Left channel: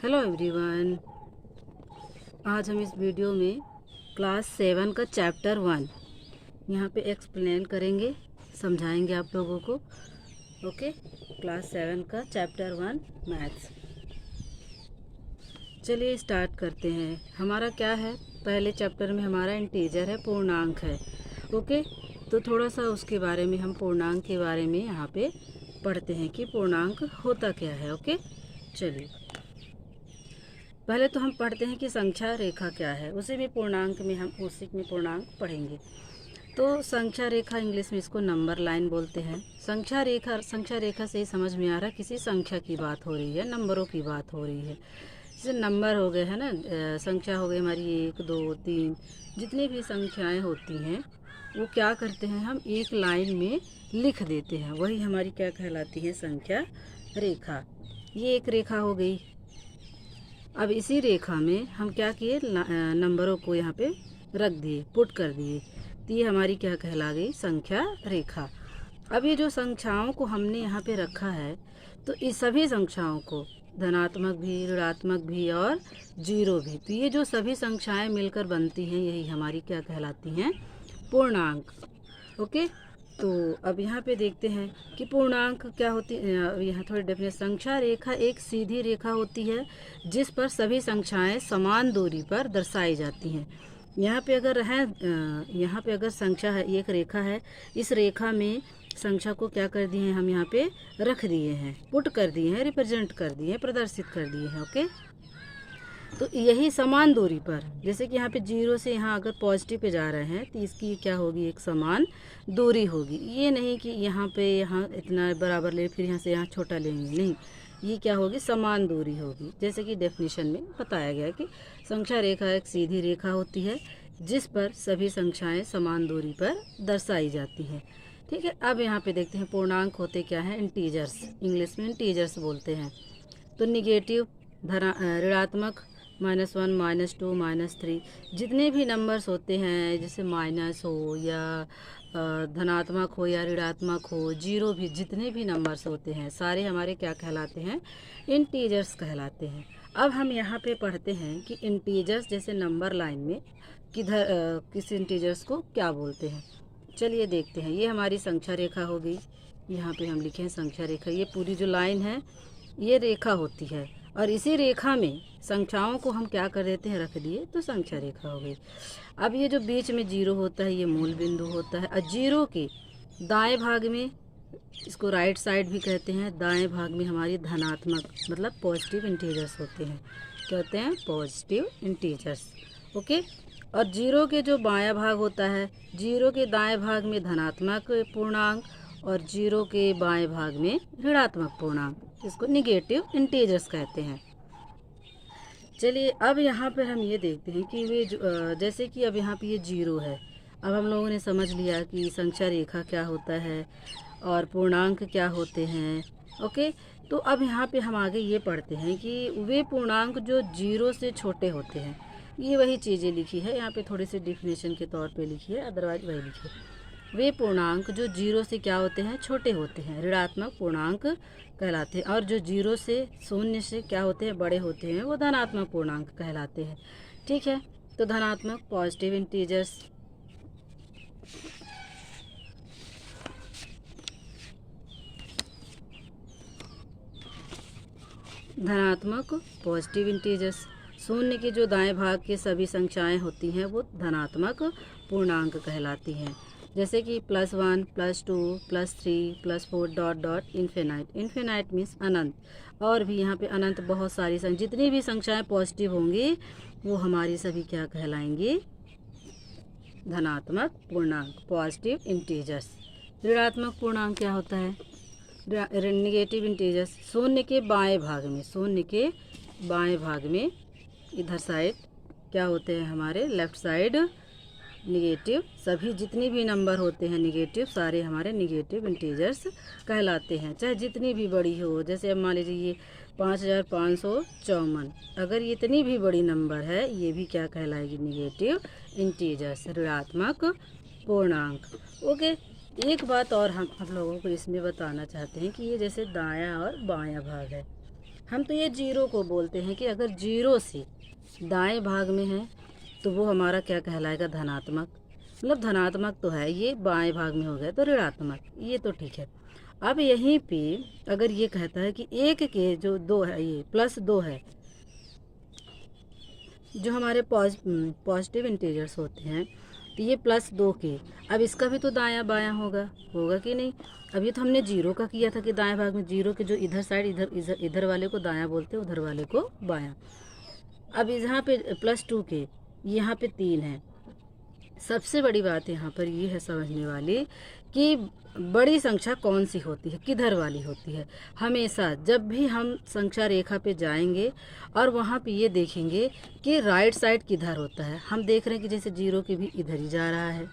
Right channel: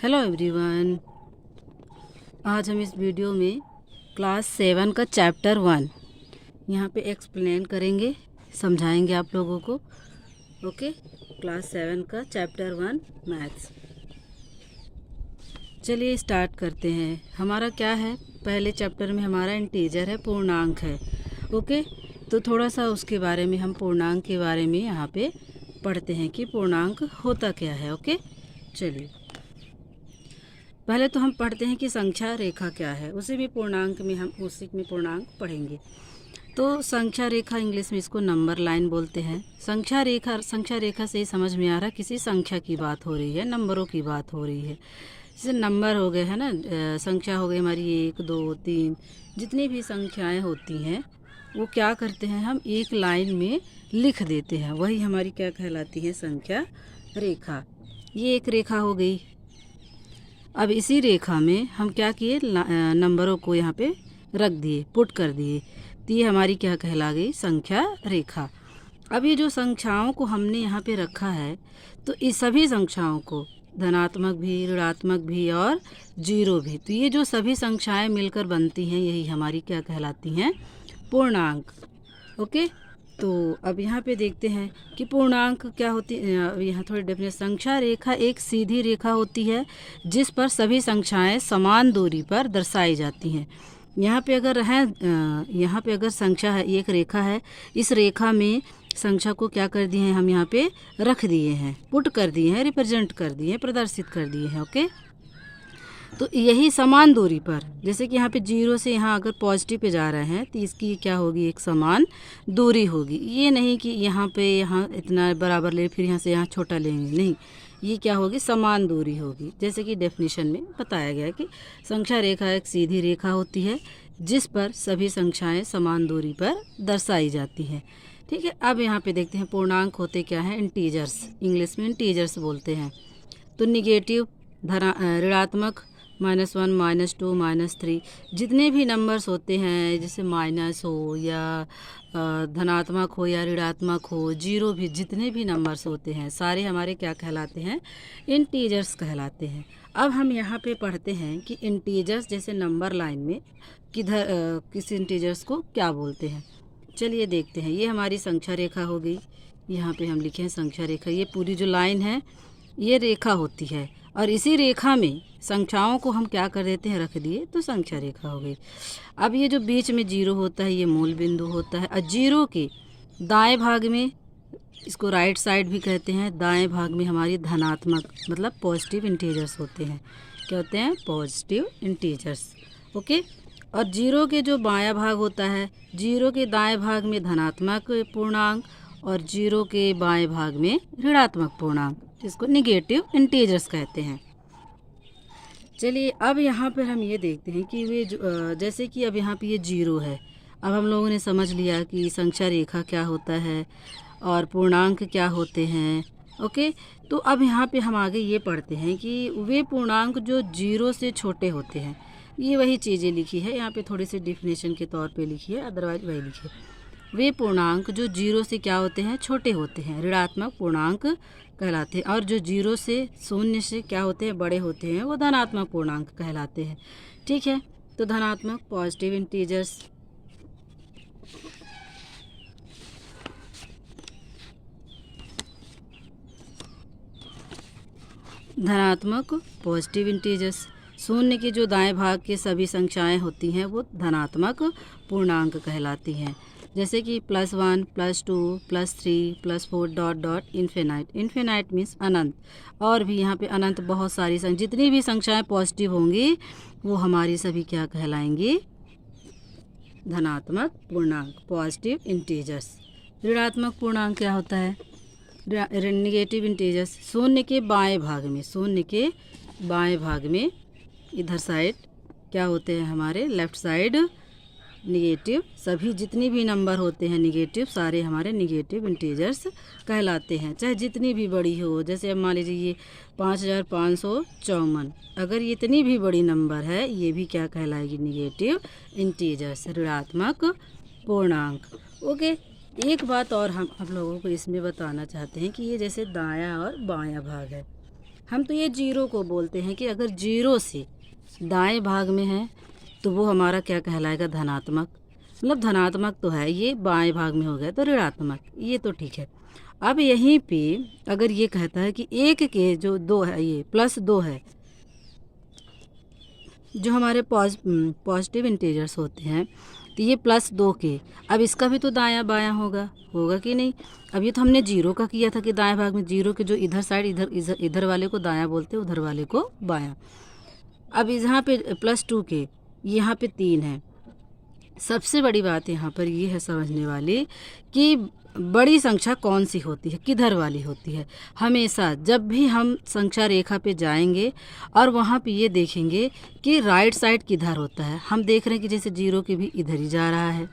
Hello everyone. आज हम इस वीडियो में क्लास 7 का चैप्टर 1 यहाँ पे एक्सप्लेन करेंगे, समझाएंगे आप लोगों को। ओके, क्लास 7 का चैप्टर 1 मैथ्स। चलिए स्टार्ट करते हैं। हमारा क्या है, पहले चैप्टर में हमारा इंटीजर है, पूर्णांक है। ओके, तो थोड़ा सा उसके बारे में, हम पूर्णांक के बारे में यहाँ पे पढ़ते हैं कि पूर्णांक होता क्या है। ओके, चलिए पहले तो हम पढ़ते हैं कि संख्या रेखा क्या है, उसी में पूर्णांक में हम उसी में पूर्णांक पढ़ेंगे। तो संख्या रेखा, इंग्लिश में इसको नंबर लाइन बोलते हैं। संख्या रेखा से ही समझ में आ रहा है किसी संख्या की बात हो रही है, नंबरों की बात हो रही है। जैसे नंबर हो गए है ना, संख्या हो गई हमारी 1 2 3, जितनी भी संख्याएं होती हैं वो क्या करते हैं, हम एक लाइन में लिख देते हैं, वही हमारी क्या कहलाती है, संख्या रेखा। ये एक रेखा हो गई। अब इसी रेखा में हम क्या किए, नंबरों को यहाँ पे रख दिए, पुट कर दिए, तो ये हमारी क्या कहला गई, संख्या रेखा। अब ये जो संख्याओं को हमने यहाँ पे रखा है, तो इस सभी संख्याओं को, धनात्मक भी, ऋणात्मक भी और जीरो भी, तो ये जो सभी संख्याएं मिलकर बनती हैं, यही हमारी क्या कहलाती हैं, पूर्णांक। ओके, तो अब यहाँ पे देखते हैं कि पूर्णांक क्या होती है। यहाँ थोड़ी डेफिनेशन, संख्या रेखा एक सीधी रेखा होती है जिस पर सभी संख्याएं समान दूरी पर दर्शाई जाती हैं। यहाँ पे अगर है, यहाँ पे अगर संख्या है, एक रेखा है, इस रेखा में संख्या को क्या कर दिए हैं, हम यहाँ पे रख दिए हैं, पुट कर दिए हैं, रिप्रेजेंट कर दिए हैं, प्रदर्शित कर दिए हैं। ओके, तो यही समान दूरी पर, जैसे कि यहाँ पे जीरो से यहाँ अगर पॉजिटिव पे जा रहे हैं, तो इसकी क्या होगी, एक समान दूरी होगी। ये नहीं कि यहाँ पे यहाँ इतना बराबर ले फिर यहाँ से यहाँ छोटा लेंगे, नहीं, ये क्या होगी, समान दूरी होगी। जैसे कि डेफिनेशन में बताया गया कि संख्या रेखा एक सीधी रेखा होती है जिस पर सभी संख्याएँ समान दूरी पर दर्शाई जाती हैं। ठीक है, अब यहाँ पे देखते हैं पूर्णांक होते क्या हैं, इंटीजर्स, इंग्लिश में इंटीजर्स बोलते हैं। तो निगेटिव, ऋणात्मक, -1 -2 -3, जितने भी नंबर्स होते हैं, जैसे माइनस हो या धनात्मक हो या ऋणात्मक हो, जीरो भी, जितने भी नंबर्स होते हैं सारे हमारे क्या कहलाते हैं, इंटीजर्स कहलाते हैं। अब हम यहाँ पे पढ़ते हैं कि इंटीजर्स, जैसे नंबर लाइन में किधर किस इंटीजर्स को क्या बोलते हैं। चलिए देखते हैं। ये हमारी संख्या रेखा हो गई, यहाँ पे हम लिखे हैं संख्या रेखा। ये पूरी जो लाइन है ये रेखा होती है, और इसी रेखा में संख्याओं को हम क्या कर देते हैं, रख दिए, तो संख्या रेखा हो गई। अब ये जो बीच में जीरो होता है, ये मूल बिंदु होता है, और जीरो के दाएं भाग में, इसको राइट साइड भी कहते हैं, दाएं भाग में हमारी धनात्मक मतलब पॉजिटिव इंटीजर्स होते हैं। क्या होते हैं, पॉजिटिव इंटीजर्स। ओके, और जीरो के जो बायां भाग होता है, जीरो के दाएं भाग में धनात्मक पूर्णांक, और जीरो के बाएं भाग में ऋणात्मक पूर्णांक, जिसको निगेटिव इंटीजर्स कहते हैं। चलिए अब यहाँ पर हम ये देखते हैं कि वे जैसे कि अब यहाँ पे ये जीरो है। अब हम लोगों ने समझ लिया कि संख्या रेखा क्या होता है और पूर्णांक क्या होते हैं। ओके, तो अब यहाँ पे हम आगे ये पढ़ते हैं कि वे पूर्णांक जो जीरो से छोटे होते हैं, ये वही चीज़ें लिखी है यहाँ पे, थोड़ी सी डिफिनेशन के तौर पे लिखी है, अदरवाइज वही लिखी है। वे पूर्णांक जो जीरो से क्या होते हैं, छोटे होते हैं, ऋणात्मक पूर्णांक कहलाते हैं, और जो जीरो से, शून्य से क्या होते हैं, बड़े होते हैं, वो धनात्मक पूर्णांक कहलाते हैं। ठीक है, तो धनात्मक पॉजिटिव इंटीजर्स, धनात्मक पॉजिटिव इंटीजर्स, शून्य के जो दाएं भाग के सभी संख्याएं होती हैं वो धनात्मक पूर्णांक कहलाती हैं। जैसे कि +1 +2 +3 +4 dot dot infinite, infinite means अनंत, और भी यहाँ पे अनंत बहुत सारी जितनी भी संख्याएं पॉजिटिव होंगी वो हमारी सभी क्या कहलाएंगी, धनात्मक पूर्णांक, पॉजिटिव इंटीजर्स। ऋणात्मक पूर्णांक क्या होता है, निगेटिव इंटीजर्स, शून्य के बाएं भाग में, शून्य के बाएं भाग में इधर साइड क्या होते हैं, हमारे लेफ्ट साइड निगेटिव, सभी जितने भी नंबर होते हैं निगेटिव, सारे हमारे निगेटिव इंटीजर्स कहलाते हैं, चाहे जितनी भी बड़ी हो। जैसे अब मान लीजिए ये 5554, अगर ये इतनी भी बड़ी नंबर है, ये भी क्या कहलाएगी, निगेटिव इंटीजर्स, ऋणात्मक पूर्णांक। ओके, एक बात और हम लोगों को इसमें बताना चाहते हैं कि ये जैसे दायां और बायां भाग है, हम तो ये जीरो को बोलते हैं कि अगर जीरो से दाएं भाग में है तो वो हमारा क्या कहलाएगा, धनात्मक। मतलब धनात्मक तो है, ये बाएं भाग में हो गया तो ऋणात्मक, ये तो ठीक है। अब यहीं पे अगर ये कहता है कि एक के जो दो है, ये +2 है, जो हमारे पॉजिटिव इंटीजर्स होते हैं, तो ये +2 के, अब इसका भी तो दायां बायां होगा कि नहीं। अब ये तो हमने जीरो का किया था कि दाएं भाग में जीरो के जो इधर साइड, इधर वाले को दायां बोलते हैं, उधर वाले को बायां। अब यहाँ पे +2 के, यहाँ पे 3 है। सबसे बड़ी बात यहाँ पर ये है समझने वाली कि बड़ी संख्या कौन सी होती है, किधर वाली होती है। हमेशा जब भी हम संख्या रेखा पे जाएंगे और वहाँ पे ये देखेंगे कि राइट साइड किधर होता है, हम देख रहे हैं कि जैसे जीरो के भी इधर ही जा रहा है,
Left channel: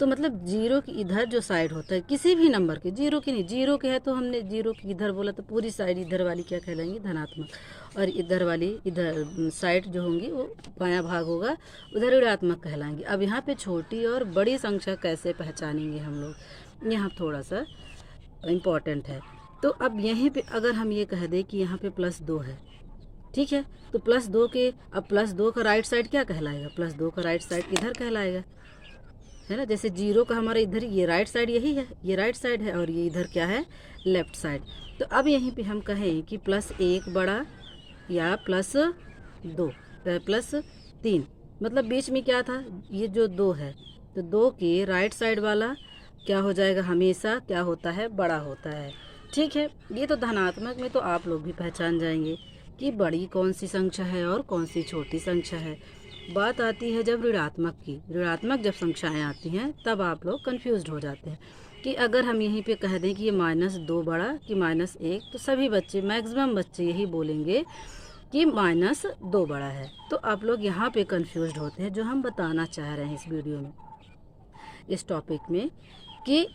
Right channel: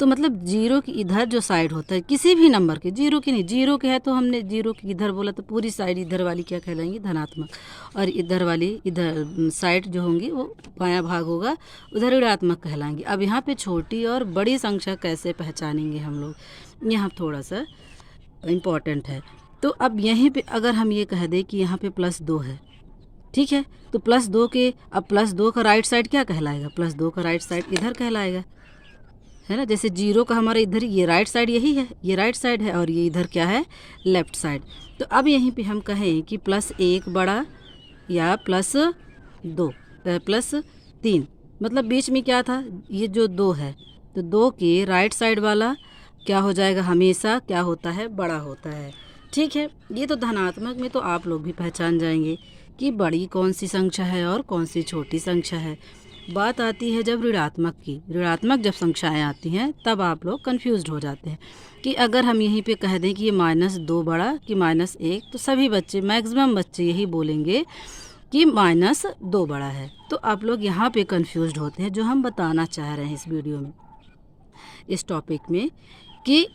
तो मतलब जीरो की इधर जो साइड होता है किसी भी नंबर के, जीरो की नहीं, जीरो के है तो हमने जीरो की इधर बोला तो पूरी साइड इधर वाली क्या कहलाएंगी, धनात्मक, और इधर वाली इधर साइड जो होंगी वो बायां भाग होगा, उधर ऋणात्मक कहलाएंगी। अब यहाँ पे छोटी और बड़ी संख्या कैसे पहचानेंगे हम लोग, यहाँ थोड़ा सा इम्पॉर्टेंट है। तो अब यहीं पे अगर हम ये कह दें कि यहाँ पे +2 है, ठीक है, तो +2 के, अब +2 का राइट साइड क्या कहलाएगा, +2 का राइट साइड इधर कहलाएगा, है ना। जैसे जीरो का हमारा इधर ये राइट साइड यही है, ये राइट साइड है, और ये इधर क्या है, लेफ्ट साइड। तो अब यहीं पे हम कहें कि +1 बड़ा या +2 +3, मतलब बीच में क्या था, ये जो 2 है, तो 2 के राइट साइड वाला क्या हो जाएगा, हमेशा क्या होता है, बड़ा होता है। ठीक है, ये तो धनात्मक में तो आप लोग भी पहचान जाएंगे कि बड़ी कौन सी संख्या है और कौन सी छोटी संख्या है। बात आती है जब ऋणात्मक की, ऋणात्मक जब संख्याएं आती हैं तब आप लोग कंफ्यूज्ड हो जाते हैं कि अगर हम यहीं पे कह दें कि ये -2 बड़ा कि -1, तो सभी बच्चे, मैक्सिमम बच्चे यही बोलेंगे कि -2 बड़ा है। तो आप लोग यहाँ पे कंफ्यूज्ड होते हैं, जो हम बताना चाह रहे हैं इस वीडियो में, इस टॉपिक में, कि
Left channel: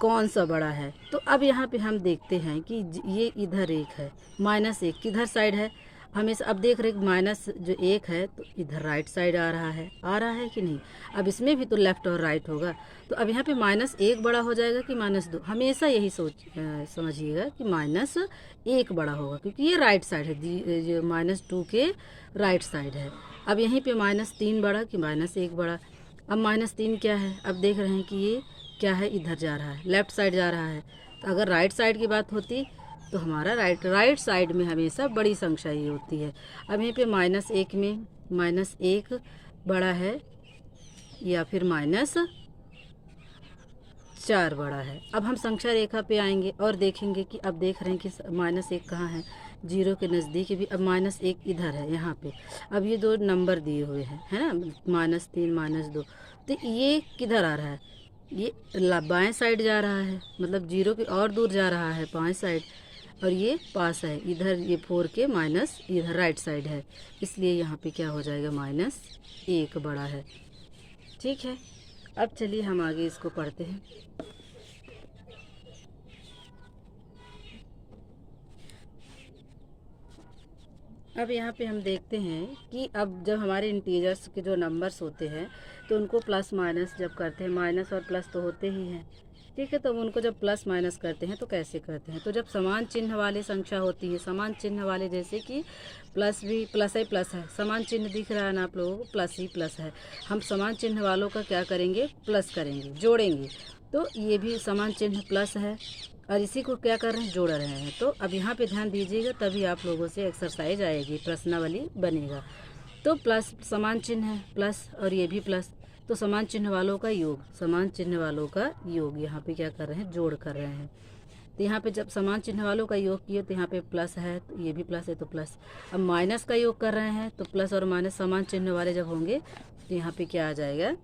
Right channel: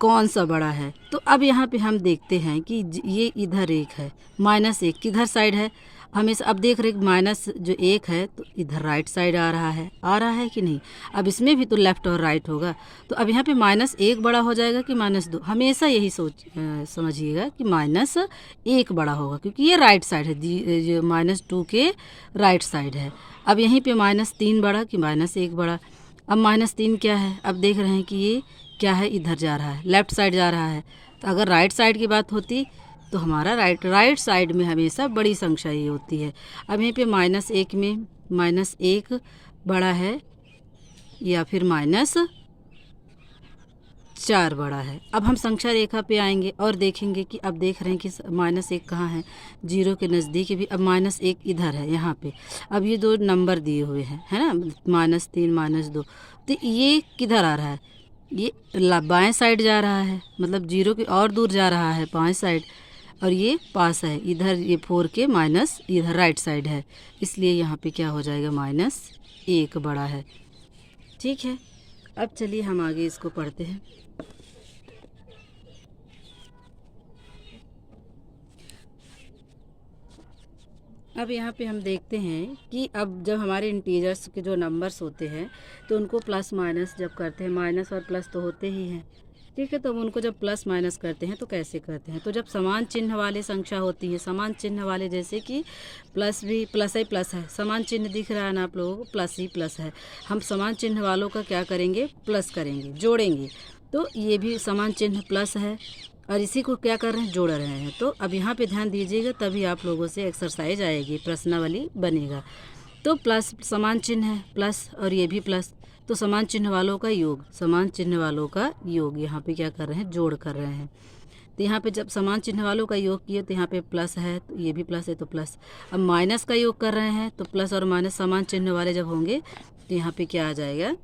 कौन सा बड़ा है। तो अब यहाँ पे हम देखते हैं कि ये इधर 1 है, -1 किधर साइड है, हमेशा अब देख रहे माइनस जो 1 है तो इधर राइट साइड आ रहा है कि नहीं। अब इसमें भी तो लेफ़्ट और राइट होगा, तो अब यहाँ पे -1 बड़ा हो जाएगा कि -2, हमेशा यही समझिएगा कि -1 बड़ा होगा, क्योंकि ये राइट साइड है, जो -2 के राइट साइड है। अब यहीं पे -3 बड़ा कि -1 बड़ा। अब -3 क्या है, अब देख रहे हैं कि ये क्या है, इधर जा रहा है, लेफ़्ट साइड जा रहा है। तो अगर राइट साइड की बात होती तो हमारा राइट साइड में हमेशा बड़ी संख्या ही होती है। अब यहीं पे -1 में -1 बड़ा है या फिर -4 बड़ा है। अब हम संख्या रेखा पे आएंगे और देखेंगे कि अब देख रहे हैं कि -1 कहाँ है, जीरो के नज़दीक भी। अब -1 इधर है, यहाँ पे अब ये 2 नंबर दिए हुए हैं, है ना, -3 -2, तो ये किधर आ रहा है, ये बाएं साइड जा रहा है, मतलब जीरो के और दूर जा रहा है बाएं साइड, और ये पास है इधर, ये 4 के माइनस इधर राइट साइड है, इसलिए यहाँ पे क्या हो जाएगा, -1 बड़ा है। ठीक है, अब चलिए हम आगे इसको पढ़ते हैं। अब यहाँ पे हम देखते हैं कि अब जब हमारे इंटीजर्स के जो नंबर्स होते हैं तो उनको प्लस माइनस जब करते हैं, माइनस और प्लस तो होते ही हैं, ठीक है, तो उनको जब प्लस माइनस करते हैं तो कैसे करते हैं, तो जब समान चिन्ह वाली संख्या होती है, समान चिन्ह वाले, जैसे कि प्लस भी प्लस है, प्लस है, समान चिन्ह दिख रहा है ना आप लोगों को, प्लस ही प्लस है, हम समान चिन्ह वालों का क्या करेंगे, प्लस करेंगे, जोड़ेंगे। तो ये भी समान चिन्ह प्लस है और इसी को क्या कर रहे हैं, जोड़ रहे हैं। तो अब यहाँ पे ध्यान दीजिएगा, तभी आप लोगों से एक्सरसाइज आएगी, प्रश्नावली बनेगा। तो प्लस समान चिन्ह है, प्लस, और ये भी प्लस, तो समान चिन्ह वालों का योग, समान चिन्ह वालों का योग यहाँ पे क्या कर रहे हैं, जोड़ कर रहे हैं। तो यहाँ पे जब समान चिन्ह वालों का योग किए तो यहाँ पे प्लस है, तो ये भी प्लस है तो प्लस। अब माइनस का योग कर रहे हैं तो प्लस और माइनस समान चिन्ह वाले जब होंगे तो यहाँ पे क्या आ जाएगा,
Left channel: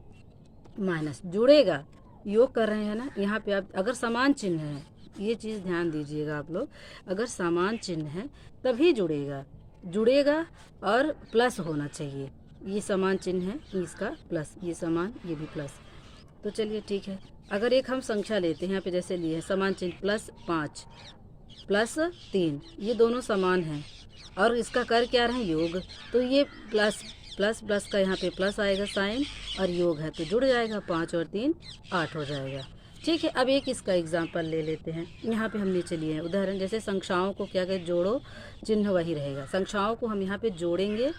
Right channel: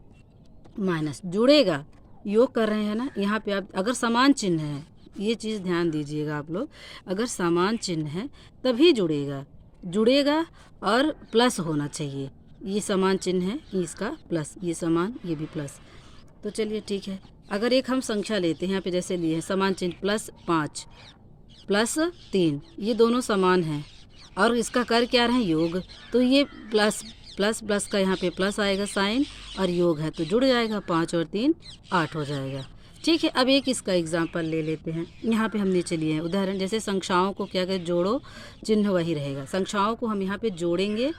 माइनस, जुड़ेगा, योग कर रहे हैं ना। यहाँ पे आप अगर समान चिन्ह है, ये चीज़ ध्यान दीजिएगा आप लोग, अगर समान चिन्ह है तभी जुड़ेगा और प्लस होना चाहिए। ये समान चिन्ह है, इसका प्लस, ये समान, ये भी प्लस। तो चलिए ठीक है, अगर एक हम संख्या लेते हैं, यहाँ पे जैसे लिए हैं समान चिन्ह, +5 +3, ये दोनों समान हैं और इसका कर क्या रहे हैं, योग, तो ये प्लस प्लस प्लस का यहाँ पे प्लस आएगा साइन, और योग है तो जुड़ जाएगा, 5 और 3 8 हो जाएगा। ठीक है, अब एक इसका एग्जाम्पल ले लेते हैं। यहाँ पे हम नीचे लिए हैं उदाहरण, जैसे संख्याओं को क्या करें, जोड़ो, चिन्ह वही रहेगा। संख्याओं को हम यहाँ पे जोड़ेंगे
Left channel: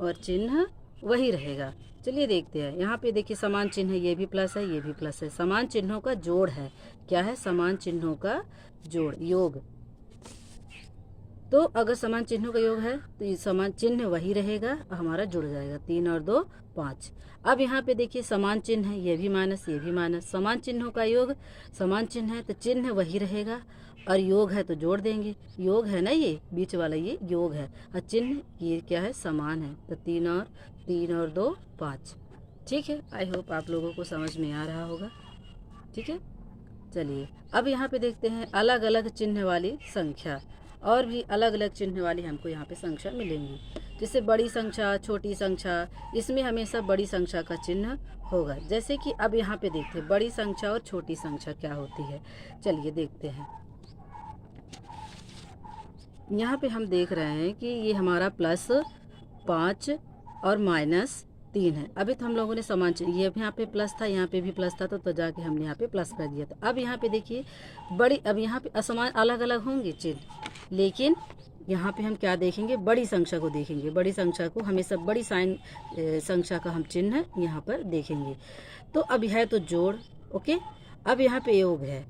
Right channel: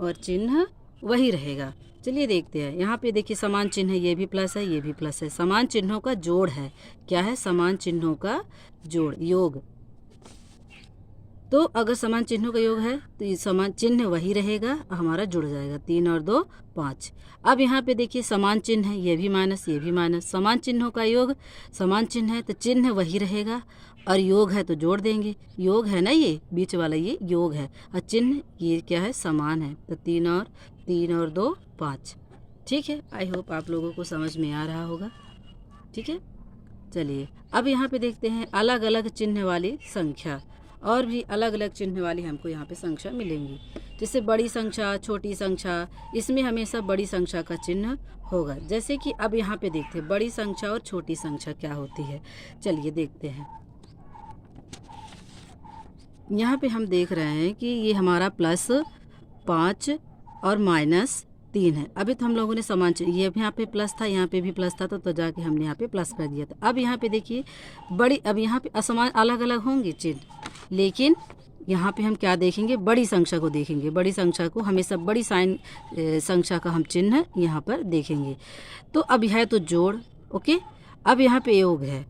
और चिन्ह वही रहेगा। चलिए देखते हैं। यहाँ पे देखिए समान चिन्ह है, ये भी प्लस है, ये भी प्लस है। समान चिन्हों का जोड़ है। क्या है? समान चिन्हों का जोड़, योग। तो अगर समान चिन्हों का योग है तो ये समान चिन्ह वही रहेगा, हमारा जुड़ जाएगा। 3 और 2 5। अब यहाँ पे देखिए समान चिन्ह है, ये भी माइनस, ये भी माइनस। समान चिन्हों का योग, समान चिन्ह है तो चिन्ह वही रहेगा, और योग है तो जोड़ देंगे। योग है ना, ये बीच वाला ये योग है, और चिन्ह ये क्या है, समान है। तो 3 और 2 5। ठीक है, आई होप आप लोगों को समझ में आ रहा होगा। ठीक है, चलिए अब यहाँ पे देखते हैं अलग अलग चिन्ह वाली संख्या। और भी अलग अलग चिन्ह वाली हमको यहाँ पे संख्या मिलेंगी। जैसे बड़ी संख्या, छोटी संख्या, इसमें हमेशा बड़ी संख्या का चिन्ह होगा। जैसे कि अब यहाँ पे देखते हैं बड़ी संख्या और छोटी संख्या क्या होती है। चलिए देखते हैं। यहाँ पे हम देख रहे हैं कि ये हमारा +5 और -3 है। अभी तो हम लोगों ने समान चिन्ह, ये यहाँ पे प्लस था, यहाँ पे भी प्लस था, तो जाके हमने यहाँ पे प्लस कर दिया था। अब यहाँ पे देखिए बड़ी, अब यहाँ पे असमान अलग अलग होंगे चिन्ह, लेकिन यहाँ पे हम क्या देखेंगे, बड़ी संख्या को देखेंगे। बड़ी संख्या को हमेशा बड़ी साइन संख्या का हम चिन्ह यहाँ पर देखेंगे। तो अब है तो जोड़, ओके। अब यहाँ पे योग है,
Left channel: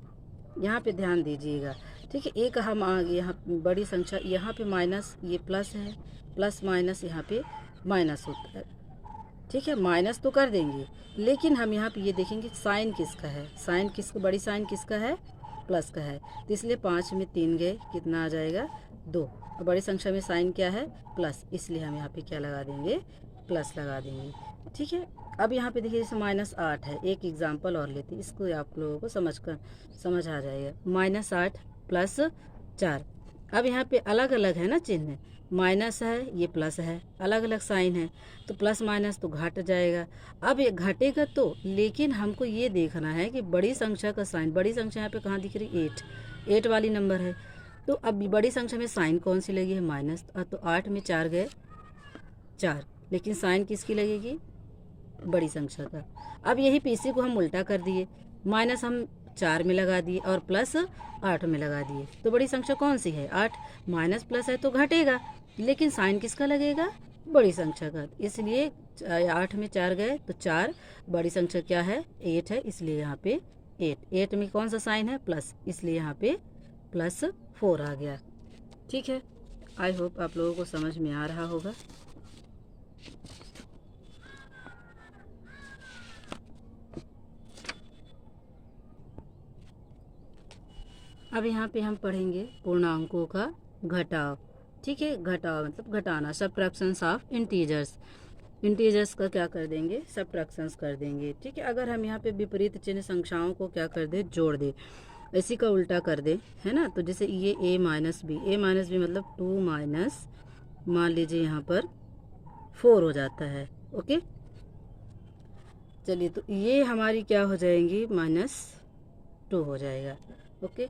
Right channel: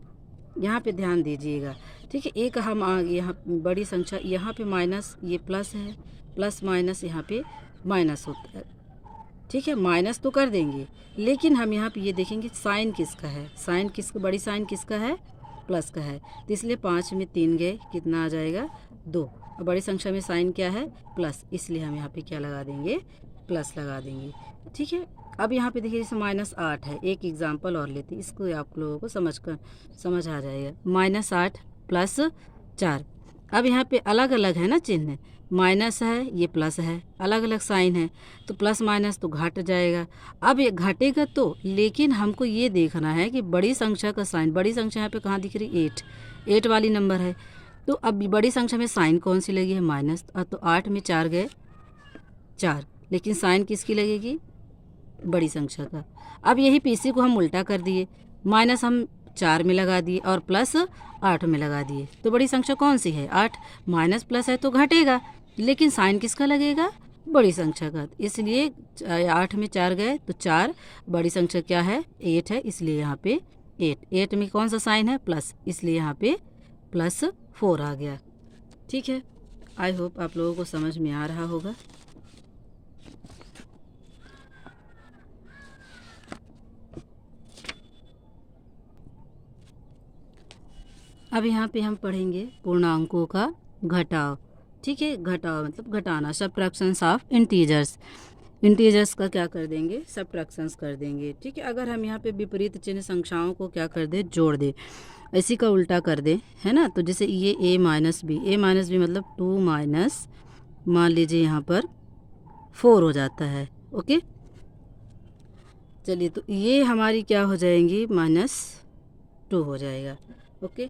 यहाँ पे ध्यान दीजिएगा। ठीक है, एक हम यहाँ बड़ी संख्या, यहाँ पे माइनस, ये प्लस है, प्लस माइनस यहाँ पे माइनस होता है। ठीक है, माइनस तो कर देंगे, लेकिन हम यहाँ पे ये देखेंगे साइन किसका है। साइन किसका, बड़ी साइन किसका है, प्लस का है। तो इसलिए 5 में 3 गए, कितना आ जाएगा, 2। और बड़ी संख्या में साइन क्या है, प्लस, इसलिए हम यहाँ पे क्या लगा देंगे, प्लस लगा देंगे। ठीक है, अब यहाँ पे देखिए जैसे -8 है, एक एग्जांपल और लेते हैं, इसको आप लोगों को समझ आ जाएगा। -8 + 4। अब यहाँ पे अलग अलग है ना चिन्ह, माइनस है, ये प्लस है, अलग अलग साइन है, तो प्लस माइनस तो घट जाएगा। अब ये घटेगा तो, लेकिन हमको ये देखना है कि बड़ी संख्या का साइन, बड़ी संख्या यहाँ पे कहाँ दिख रही, 8 वाली नंबर है। तो अब बड़ी संख्या में साइन कौन सी लगी है, माइनस। तो 8 में 4 गए, 4, लेकिन साइन किसकी लगेगी, बड़ी संख्या का। अब यही पीसी को हम उल्टा कर दिए, माइनस हम 4 में लगा दिए और प्लस 8 में लगा दिए। तो बड़ी संख्या कौन सी है, 8। माइनस प्लस है तो घटेगा, लेकिन साइन किसका लगेगा, बड़ी संख्या का। इसलिए 8 में 4 गए तो 4, बड़ी संख्या क्या है, 8 है, इसलिए यहाँ पे 8 में कौन सा साइन है, प्लस, इसलिए यहाँ पे +4 आ गया। ठीक है, आई होप आप लोगों को समझ में आ रहा होगा। अब यहाँ पे हम पढ़ेंगे पूर्णांकों का घटाव। ठीक है, घटाव मतलब घटाना, सबट्रैक्शंस ऑफ इंटीजर्स। इंटीजर्स का क्या कर देंगे, सबट्रैक्शंस कर देंगे। ठीक है, अगर हम यहाँ पे विपरीत चिन्ह संख्याओं को क्या कर दे, जोड़ दे, इसी का उल्टा कर दे, है ना। तो जैसे ये a - b मतलब 2 माइनस, मान लीजिए यहाँ पर 4 हो जाता है, ओके। चलिए, तो ये हमारी क्या हो जाएंगी, -2 हो जाएगा, ओके।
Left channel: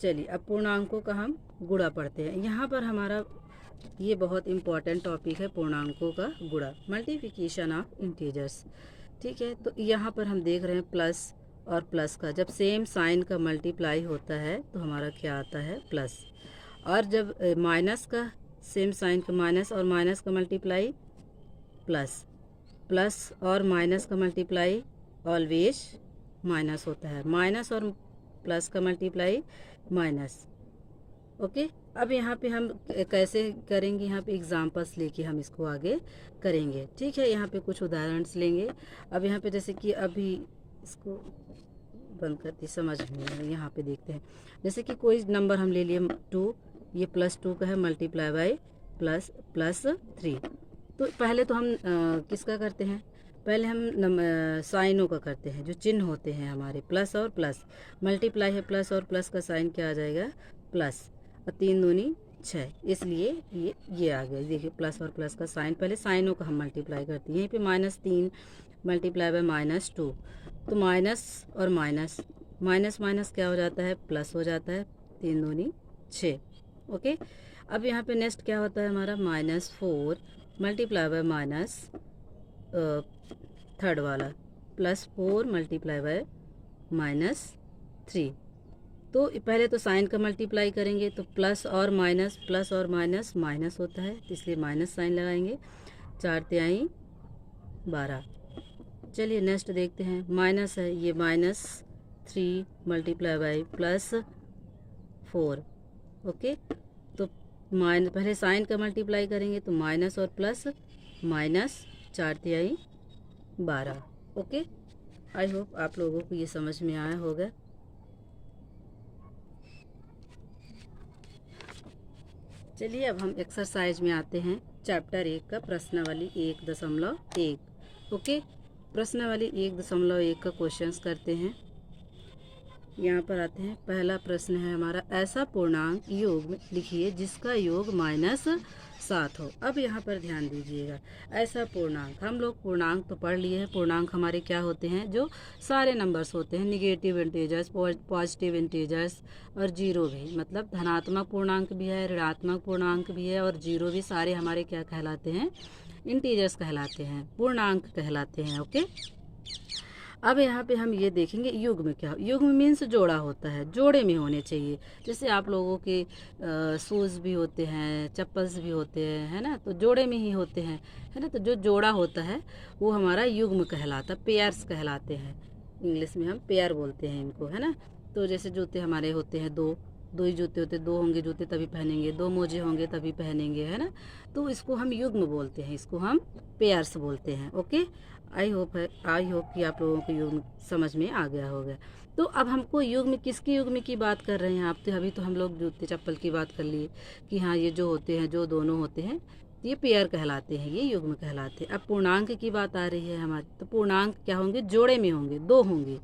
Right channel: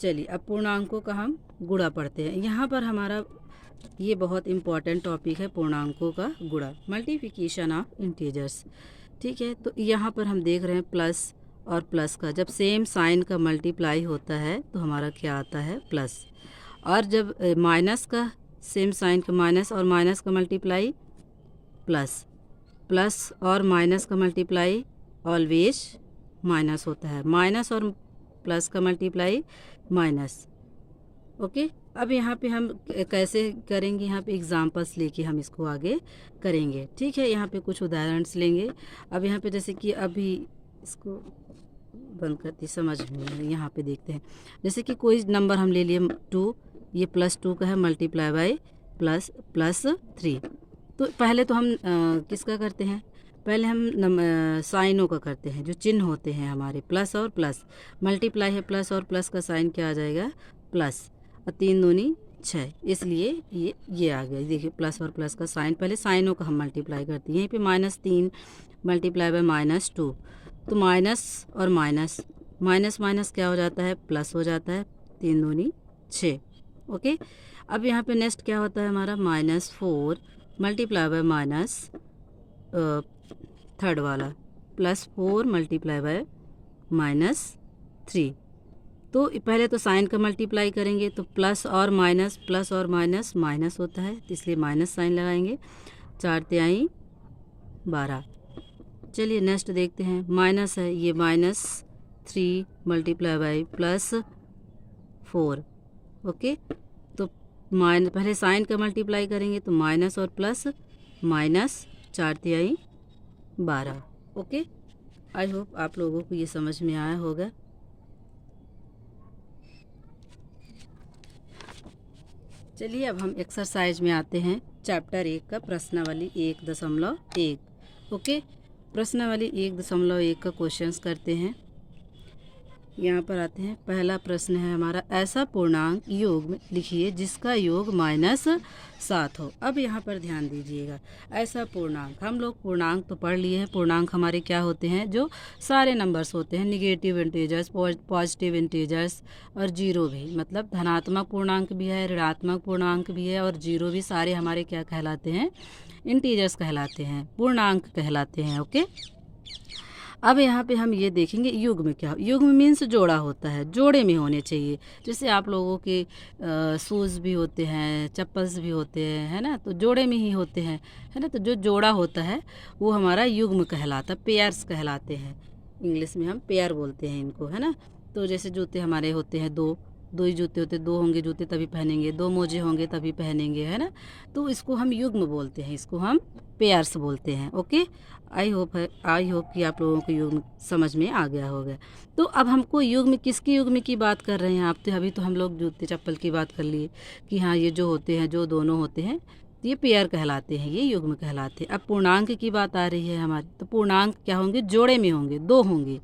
चलिए, अब पूर्णांकों का हम गुणा पढ़ते हैं। यहाँ पर हमारा ये बहुत इम्पॉर्टेंट टॉपिक है, पूर्णांकों का गुणा, मल्टीप्लिकेशन ऑफ इंटीजर्स। ठीक है, तो यहाँ पर हम देख रहे हैं प्लस और प्लस का, जब सेम साइन का मल्टीप्लाई होता है तो हमारा क्या आता है, प्लस। और जब माइनस का, सेम साइन का माइनस और माइनस का मल्टीप्लाई, प्लस। प्लस और माइनस का मल्टीप्लाई ऑलवेज माइनस होता है, माइनस और प्लस का मल्टीप्लाई माइनस, ओके। अब यहाँ पे हम कैसे करेंगे, यहाँ पे एग्जांपल्स लेके हम इसको आगे करेंगे। ठीक है, यहाँ पे कुछ उदाहरण लेंगे। अब यहाँ पे जैसे कि अभी इसको बंद करती, समझ में, यहाँ पे देखते हैं। जैसे कि कोई नंबर हम ले लिए 2, ये +2 का है, मल्टीप्लाई बाय +3। तो पहले तो हम किसका करते हैं, पहले हम साइनों का करते हैं, जो चिन्ह होते हैं हमारे, प्लस और प्लस। मल्टीप्लाई है, प्लस और प्लस का साइन क्या आ जाएगा, प्लस, और 3 दूनी 6, इसलिए ये आ गया। देखिए प्लस और प्लस का साइन, पहले साइनों का हम मल्टीप्लाई करते हैं। यहीं पे -3 मल्टीप्लाई बाय -2, तो माइनस और माइनस, माइनस माइनस क्या हो जाता है, प्लस हो जाता है, 3 दूनी 6, ओके। अब यहाँ पे नेक्स्ट क्या होता है हमारा, -4 मल्टीप्लाई बाय माइनस थर्ड वाला, +4 मल्टीप्लाई बाय -3, 3। तो पहले तो साइन का मल्टीप्लाई करेंगे तो प्लस और माइनस माइनस होता है, तो इसलिए माइनस साइन लगाएंगे। 4 तिहाई 12। चलिए नेक्स्ट देखते हैं, माइनस है, ये -3 मल्टीप्लाई बाई +4। ओके, तो पहले साइन का मल्टीप्लाई करेंगे तो माइनस और प्लस, -4 तिहाई 12। ओके, आई होप आप लोगों को ये समझ में आया होगा। चलिए अब हम एक्सरसाइज में आते हैं। चैप्टर 1 का प्रश्नावली 1.1। ओके, प्रश्नावली 1.1 का क्वेश्चंस करते हैं। यहाँ पर आते हैं, पहला प्रश्न है हमारा, ऐसा पूर्णांक योग लिखिए जिसका योग -7 हो। अब यहाँ पर ध्यान दीजिएगा, ऐसा पूर्णांक, हम लोग पूर्णांक तो पढ़ लिए हैं। पूर्णांक हमारे क्या होते हैं, जो सारे नंबर्स होते हैं, निगेटिव इंटीजर्स, पॉजिटिव इंटीजर्स और जीरो भी, मतलब धनात्मक पूर्णांक भी है, ऋणात्मक पूर्णांक भी है और जीरो भी, सारे हमारे क्या कहलाते हैं, इंटीजर्स कहलाते हैं, पूर्णांक कहलाते हैं। ओके, अब यहाँ पे हम ये देखेंगे युग्म क्या, युग्म मीन्स जोड़ा होता है, जोड़े में होने चाहिए। जैसे आप लोगों के शूज़ भी होते हैं, चप्पल्स भी होते हैं, है ना, तो जोड़े में ही होते हैं, है ना। तो जो जोड़ा होता है वो हमारा युग्म कहलाता है, पेयर्स कहलाते हैं। इंग्लिश में हम पेयर बोलते हैं इनको, है ना। तो जैसे जूते हमारे होते हैं दो ही जूते होते, दो होंगे जूते तभी पहनेंगे, दो मोजे होंगे तभी पहनेंगे, है ना। तो इसको हम युग्म बोलते हैं, इसको हम पेयर्स बोलते हैं। ओके, आई होप कि आप लोगों को युग्म समझ में आ गया होगा। तो अब हमको युग्म, किसकी युग्म की बात कर रहे हैं आप, तो अभी तो हम लोग जूते चप्पल की बात कर लिए कि हाँ ये जो होते हैं, जो दोनों होते हैं, ये पेयर कहलाते हैं, ये युग्म कहलाते हैं। अब पूर्णांक की बात आ रही है हमारी, तो पूर्णांक क्या होंगे, जोड़े में होंगे, दो होंगे,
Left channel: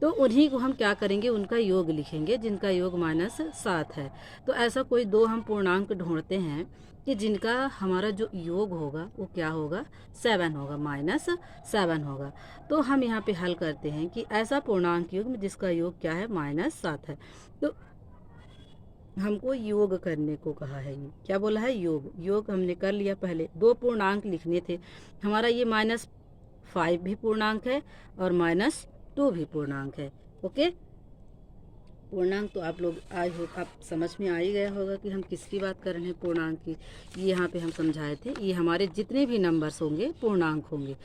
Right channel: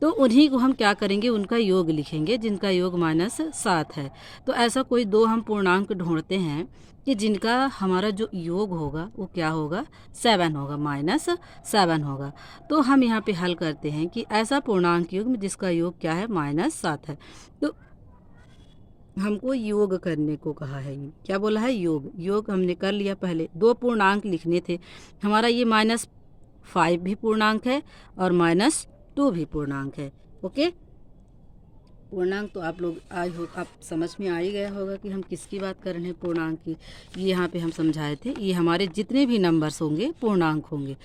तो उन्हीं को हम क्या करेंगे, उनका योग लिखेंगे, जिनका योग -7 है। तो ऐसा कोई दो हम पूर्णांक ढूंढते हैं कि जिनका हमारा जो योग होगा वो क्या होगा, 7 होगा, -7 होगा। तो हम यहाँ पे हल करते हैं कि ऐसा पूर्णांक युग्म जिसका योग क्या है, -7 है। तो हमको योग करने को कहा है, ये क्या बोला है, योग हमने कर लिया। पहले दो पूर्णांक लिखने थे, हमारा ये -5 भी पूर्णांक है और -2 भी पूर्णांक है। ओके, पूर्णांक तो आप लोग आज आप समझ में आ ही गया होगा कि हम किसकी बात कर रहे हैं, पूर्णांक की। ये यहाँ पे हम समझाए थे, ये हमारे जितने भी नंबर्स होंगे पूर्णांक होंगे।